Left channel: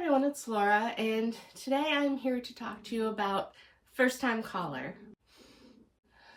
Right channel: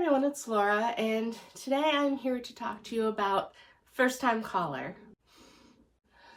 everyone, it's Laura, and today I'm here to talk to you about First Time Caller.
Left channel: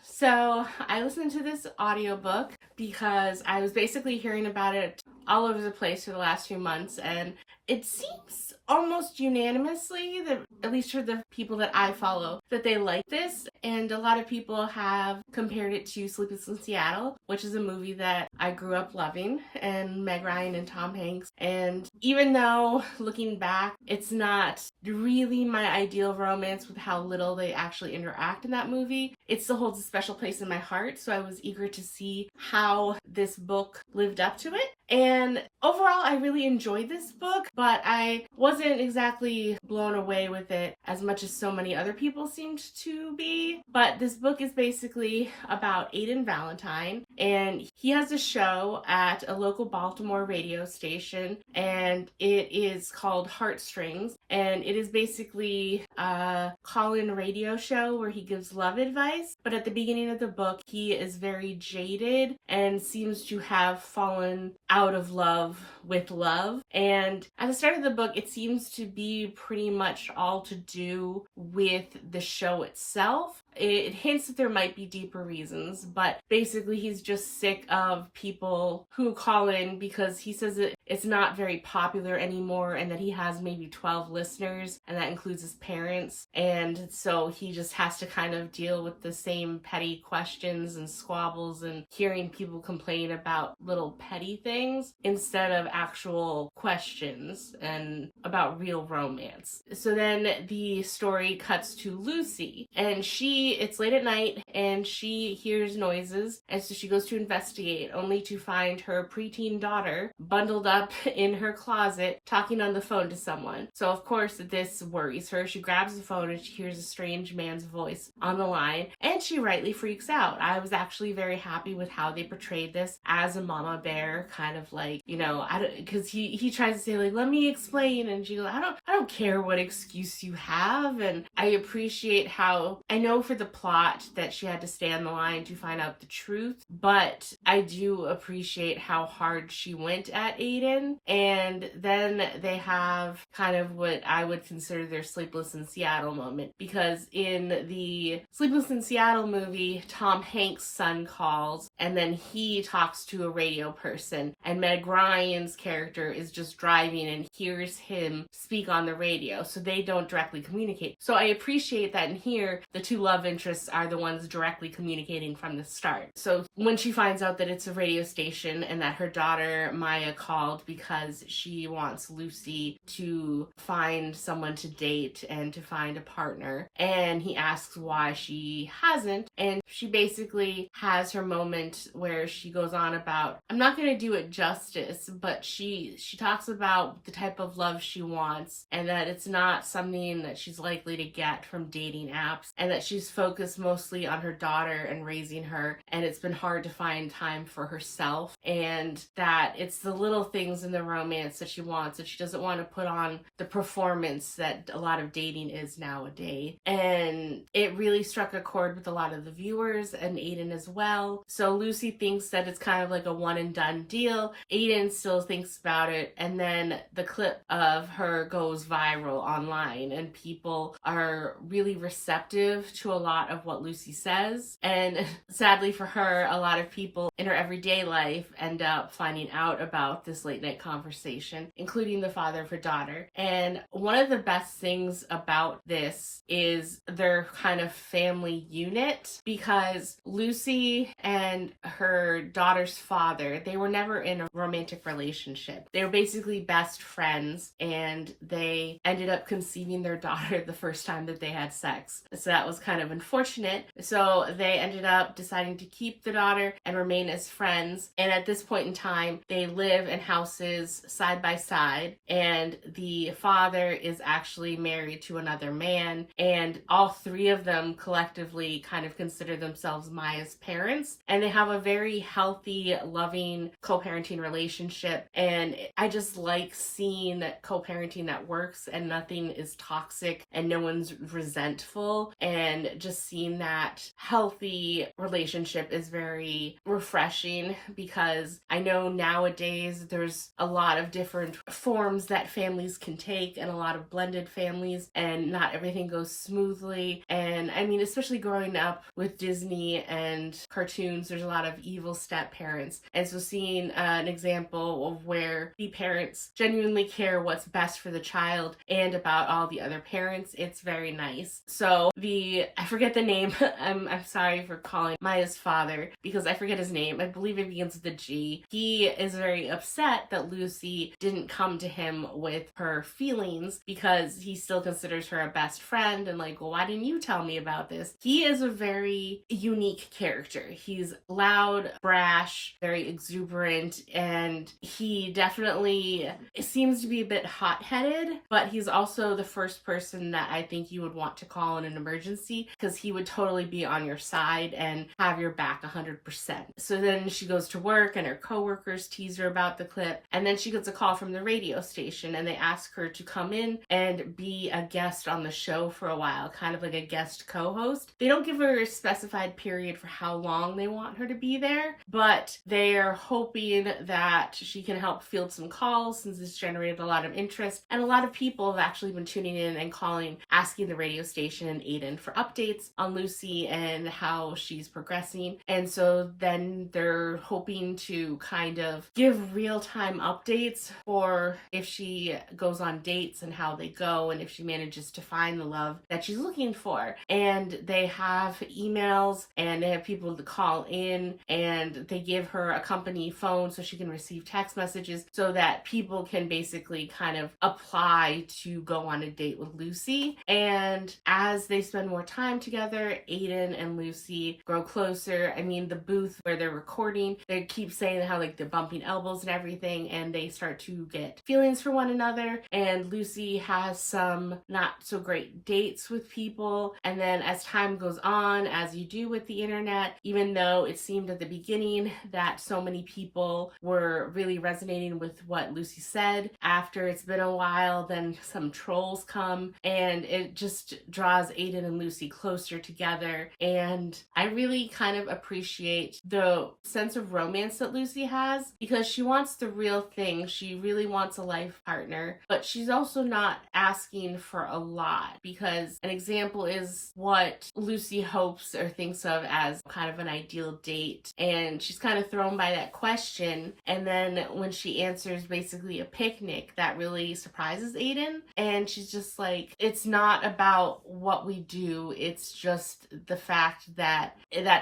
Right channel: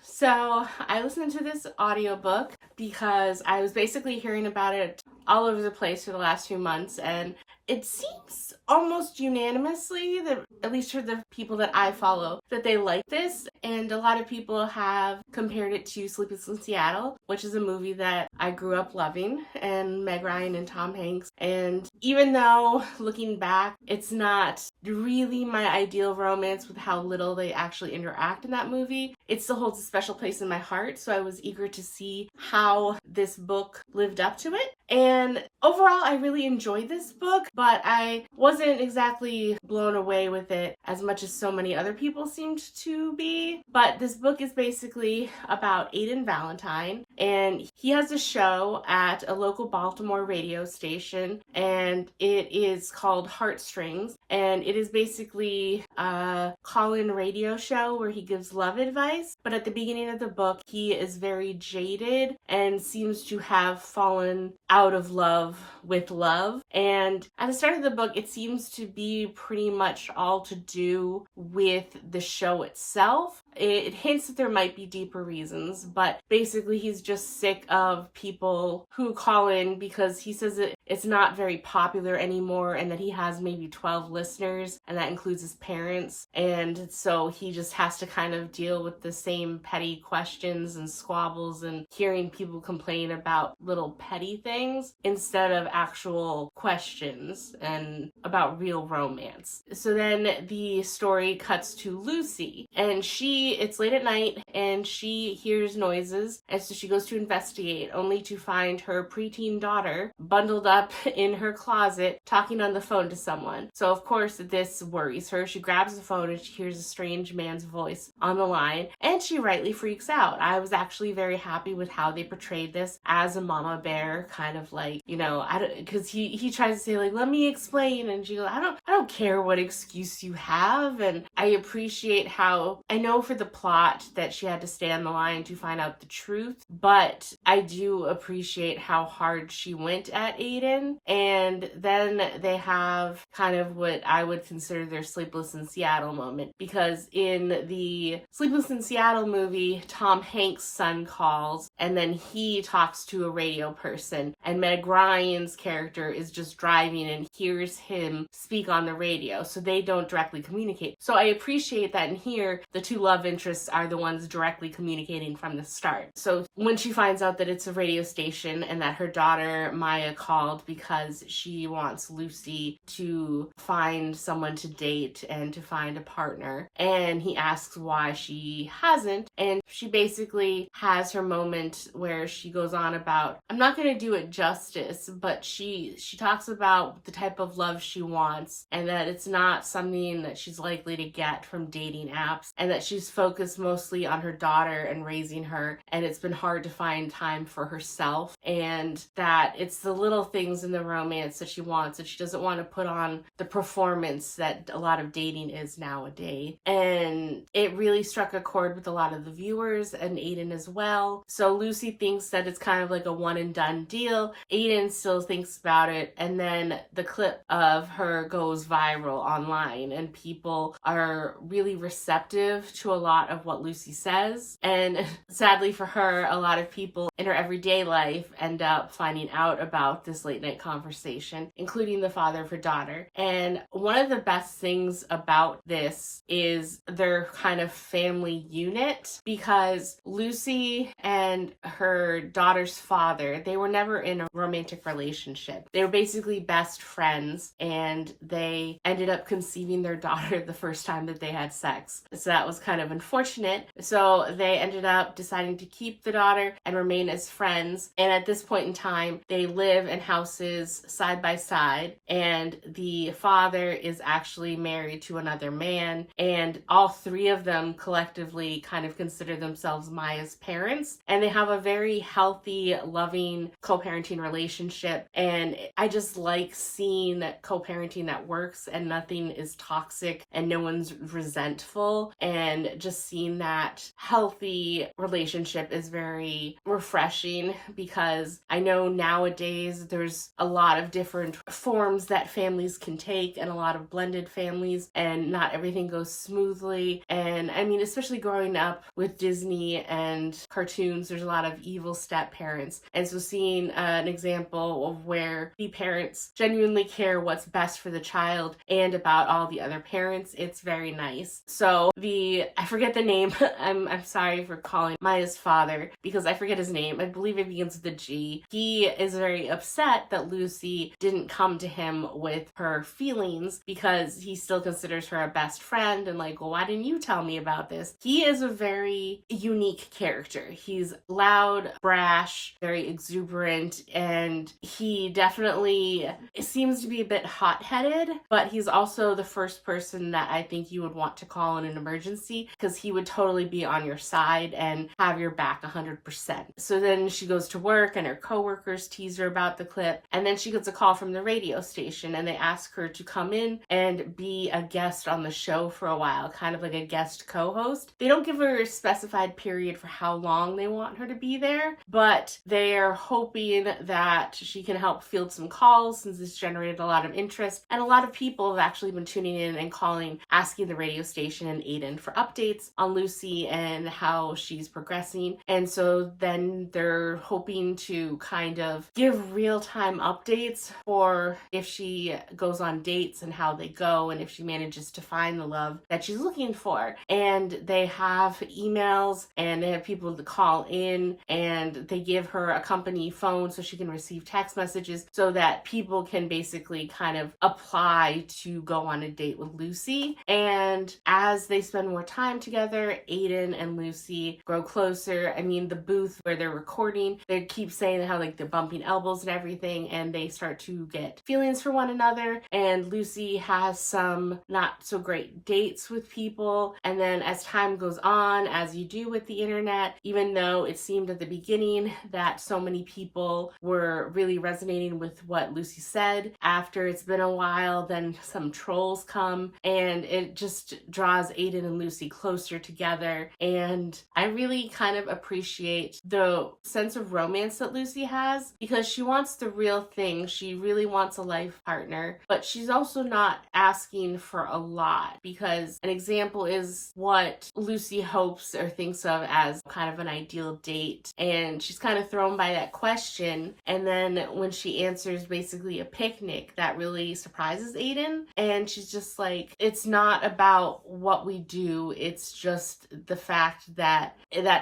So I listened to this audiobook because I was basically hearing about it all over the place for the last few months, and it seems almost unanimously, that at least for the people that I follow, that they like this. And a lot of people have compared it to Sleepless in Seattle, which is a movie that I grew up loving, and Meg Ryan and Tom Hanks. And even though, looking back, it's not really my ideal romance with how little they actually interact in that movie, it still holds a special place in my heart. So I was eager to see how this book lived up to it. And overall, I really enjoyed this book, but I wasn't exactly blown away with it as much as so many other people seemed to be. But this book is basically about Aiden Valentine, and he has a show at a local Baltimore radio station, and it is called Heartstrings, and it is basically a call-in radio show where he gives love advice. But at the beginning of the book, he is very jaded and seems to have fallen out of love with love. And at the start of the book, it seems to be pretty much all to do with the show itself. It hints that there might be deeper reasons, but basically he's just sick of people who call in because he says it's not very popular anymore, and that he has maybe 12 listeners, and that includes his parents. And so he just has to kind of deal with the same petty questions and squabbles and hearing people complain about little petty things instead of actual questions and about real romance. So then the story cuts to Lucy, and it's late at night and she hears noises, and so she goes to investigate, only to find her preteen daughter bundled up in her closet talking on the phone to someone. So of course this worries her. She grabs the phone and she hears a strange man's voice on the line, and she rightly freaks out. I was actually very happy with how they portrayed this as a mama bear, kind of like, because he tries to say, like, let me explain, and she goes, I don't care what excuse you have. And I appreciate how, I know for the plot that she had to stay on the line to find out the truth, but I do appreciate how hard she went at Aiden. And then they have kind of what I would consider their Sleepless in Seattle moment, because in the Sleepless in Seattle movie, Tom Hanks' son calls, and then he talks to a radio person, and Meg Ryan's character is just driving and hears him speak on the radio, so they don't directly communicate. So I appreciate that in here, the two love interests are the ones directly communicating from the start. So when she finds out that it's a radio station and that her daughter Maya called because she wants Lucy to find someone to date and to find a partner, and he asks why she hasn't, and she basically has her moment where she goes on about, I'm not going to do it justice, but she talks about the type of love she wants, and that it's not something that she's likely to get from dating apps, and that she's focused mostly on her daughter and raising her, and it's been hard to find time for herself, and that it's the little things in the romance that she wants, that she doesn't want to put on the performance that a lot of dating is nowadays. And it really struck a chord with a lot of the viewers and Aiden as well. So Lucy thinks that it's kind of like a one and done deal. Aiden still thinks about it, and then the clip of her goes viral online, and people are really receptive to a lot of what Lucy says. And sadly for her, a lot of people in her everyday life end up finding out about this late night conversation, including the father of her daughter. And one of the best things about this is their kind of family unit, because Lucy and her daughter's father, they were never in a romantic relationship. They were basically best friends, and they ended up conceiving their daughter the first time that they had sex. So that was kind of unfortunate. So they ended up deciding to keep the daughter and remain as friends. And at this point in time, they live in houses side by side, and the father is actually married to another man, and all three of them collectively kind of consider themselves Maya's parents, and they have a very healthy, loving co-parenting relationship. And I just like seeing that co-parenting that works and nothing is toxic and no one's resentful. And just seeing that healthy relationship is very refreshing, because I know nowadays there's a lot of different forms that families can take and a lot of blended families, and not everything goes smoothly. And I mean, especially growing up with Disney and cartoons, there's a lot of evil step parents. And so seeing an example of where the parents genuinely care what's best for the child and about all the other parents, it's very nice. So I forget the name. I'm sorry for calling Maya's father because I forget his name. I believe it begins with a G. He is very upset that Lucy didn't come to him with her feelings because he still considers her a best friend, and like, well, why didn't you tell me about this? He is a very unique character. He's loud, brash, very exuberant, and he definitely seems to be a bit hot-headed, but he's also the first person that I think you would want to call in an emergency, because he would totally be on your side and have your back 100%. So then she goes to work and her coworkers tease her about the clip, and then she gets a call from the radio station and they ask her to come in and be a guest on the show for a while, kind of like a guest co-host. They don't give her a specified period for how long they want her to be there, but they're hoping that she can help field some calls since it's generated a lot of interest, and a lot of people have actually been tuning in and calling, asking the radio station and Aiden for updates on Lucy and how she's progressing. And so then they're hoping to kind of give real-time updates for if she goes on dates and how they go, and if she manages to find the love that she's looking for. And they have emails and they have people to call in, and they give her a company phone so she can receive text messages so that people can basically kind of apply to go on a date with Lucy. And as they spend more time together, Aiden and Lucy grow closer. I mean, the booth where they're recording, they keep saying how like they're bumping elbows and everything, and they start to get feelings for one another. And Lucy has some not so great dates with people. And then as time goes on, as you do with the internet, even though it seemed at the beginning that so many people were really resonating with what Lucy said, after it's been a while, then some trolls come and it just draws Aiden and Lucy closer together. And I really kind of appreciate the sense of romance that Lucy has, because she wants the real thing. She really wants a life partner, but she's also not asking for a lot, because an example is what Lucy hopes or thinks of as kind of an ideal date. And she's kind of thrown by that question. And then when she answers basically a picnic, that really surprises Aiden. And she's just like, it's not about what we do. It's just the fact that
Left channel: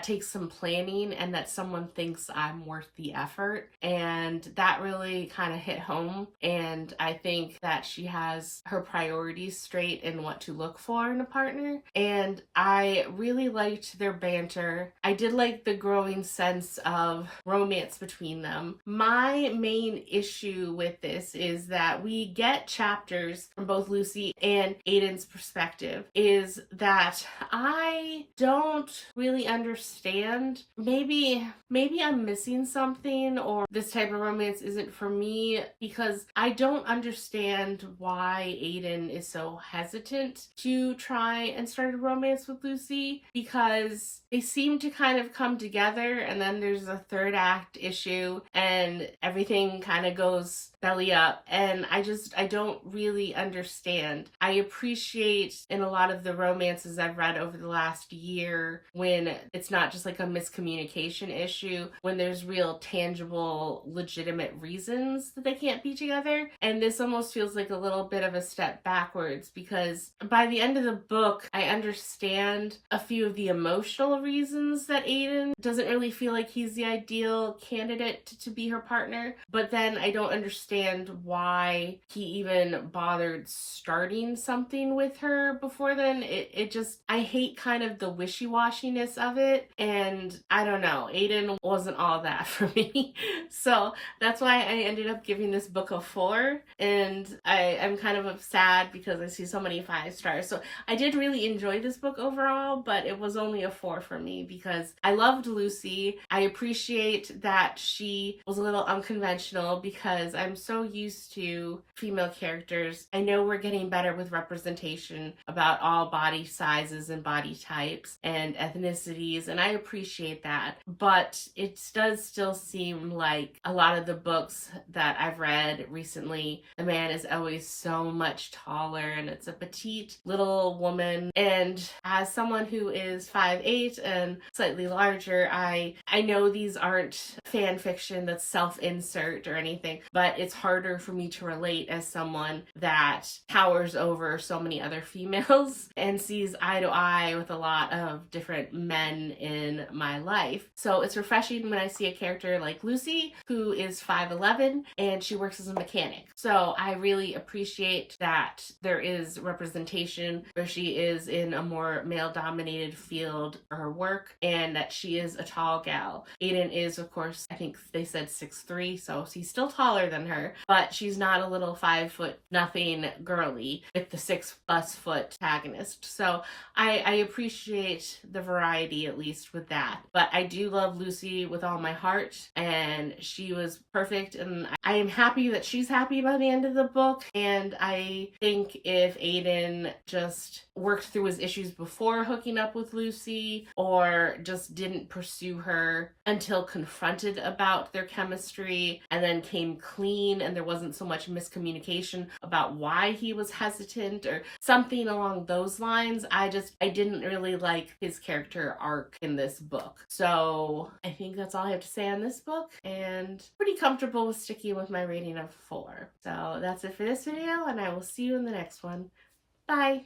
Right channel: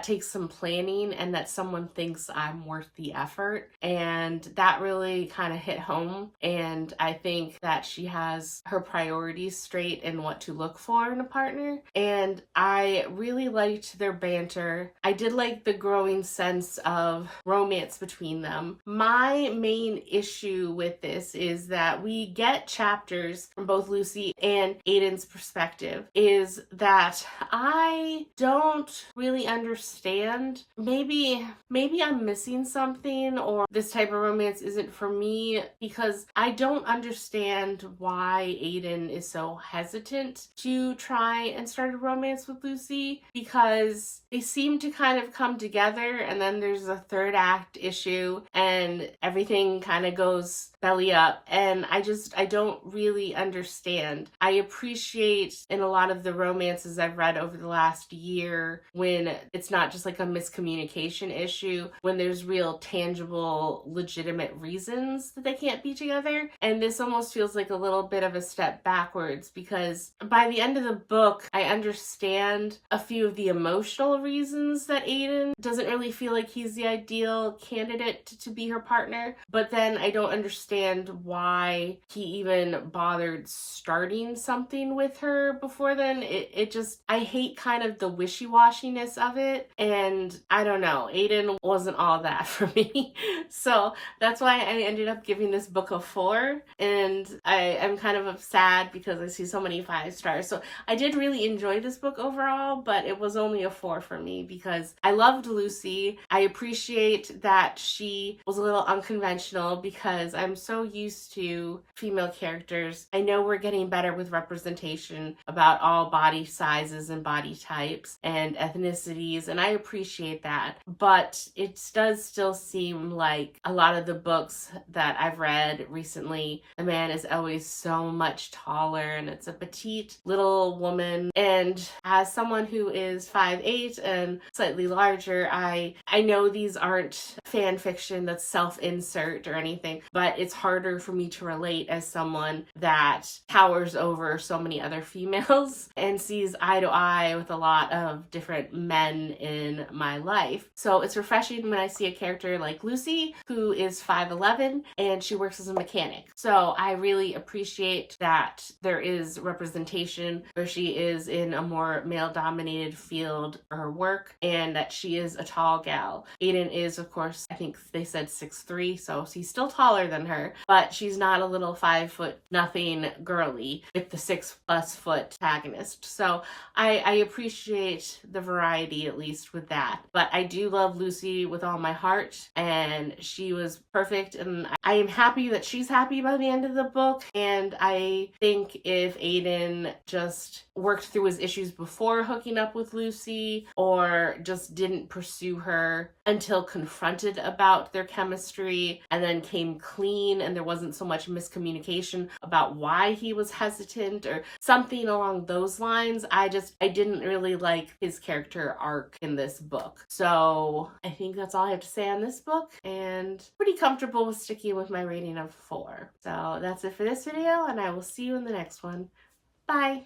takes some planning and that someone thinks I'm worth the effort. And that really kind of hit home. And I think that she has her priorities straight and what to look for in a partner. And I really liked their banter. I did like the growing sense of romance between them. My main issue with this is that we get chapters from both Lucy and Aiden's perspective, is that I don't really understand. Maybe I'm missing something, or this type of romance isn't for me, because I don't understand why Aiden is so hesitant to try and start a romance with Lucy, because they seem to kind of come together and then there's a third act issue and everything kind of goes belly up, and I don't really understand. I appreciate in a lot of the romances I've read over the last year when it's not just like a miscommunication issue, when there's real tangible legitimate reasons that they can't be together. And this almost feels like a little bit of a step backwards, because by the end of the book I understand a few of the emotional reasons that Aiden doesn't really feel like he's the ideal candidate to be her partner, but then I don't understand understand why he even bothered starting something with her before then. It just, I hate kind of the wishy-washiness of it, and I don't know, Aiden wasn't all that for me. So that's why I ended up giving this book a 4, and I'm kind of sad because I see so many 5 stars. So I did really enjoy this book overall, but it was only a 4 for me because I loved Lucy. I appreciate that she was a little unconventional because I'm so used to female characters. I know we're getting better with representation about all body sizes and body types and ethnicities, and I appreciate that. But it does still seem like a lot of the books that I've read recently, the man is always so much taller, and it's a petite little woman. And as someone who is 5'8" and slightly larger, I know these aren't fan fiction that's self-insert or anything, but it's harder for me to relate as someone that towers over so many other females and sees eye to eye with a lot of different men in my life. So it's refreshing when I see a character like Lucy, who is 5'11", and she works as a mechanic. So I really appreciate that there is representation where she is in a more male-dominated field for her work, and that she is a tall gal. Aiden is, of course, I think they said 6'3", so he's still taller than her, but she's not a little 5 foot nothing girly with the 6+ foot protagonist. So I appreciate the variety, at least with that. But I do love Lucy with all my heart, and she was perfect, and I am happy that she's happy by the end of the book. And I think if Aiden just worked through his issues before hooking up with Lucy, or just didn't pursue her until confronted about their chemistry and then came clean and there wasn't so much miscommunication about why he was hesitant or something along those lines, I didn't really like his character arc in this book. So I think that's all I have to say on this book, and pretty comfortable with sticking with my rating of 4. So that's it for this video, and I will see you in the next one. Bye!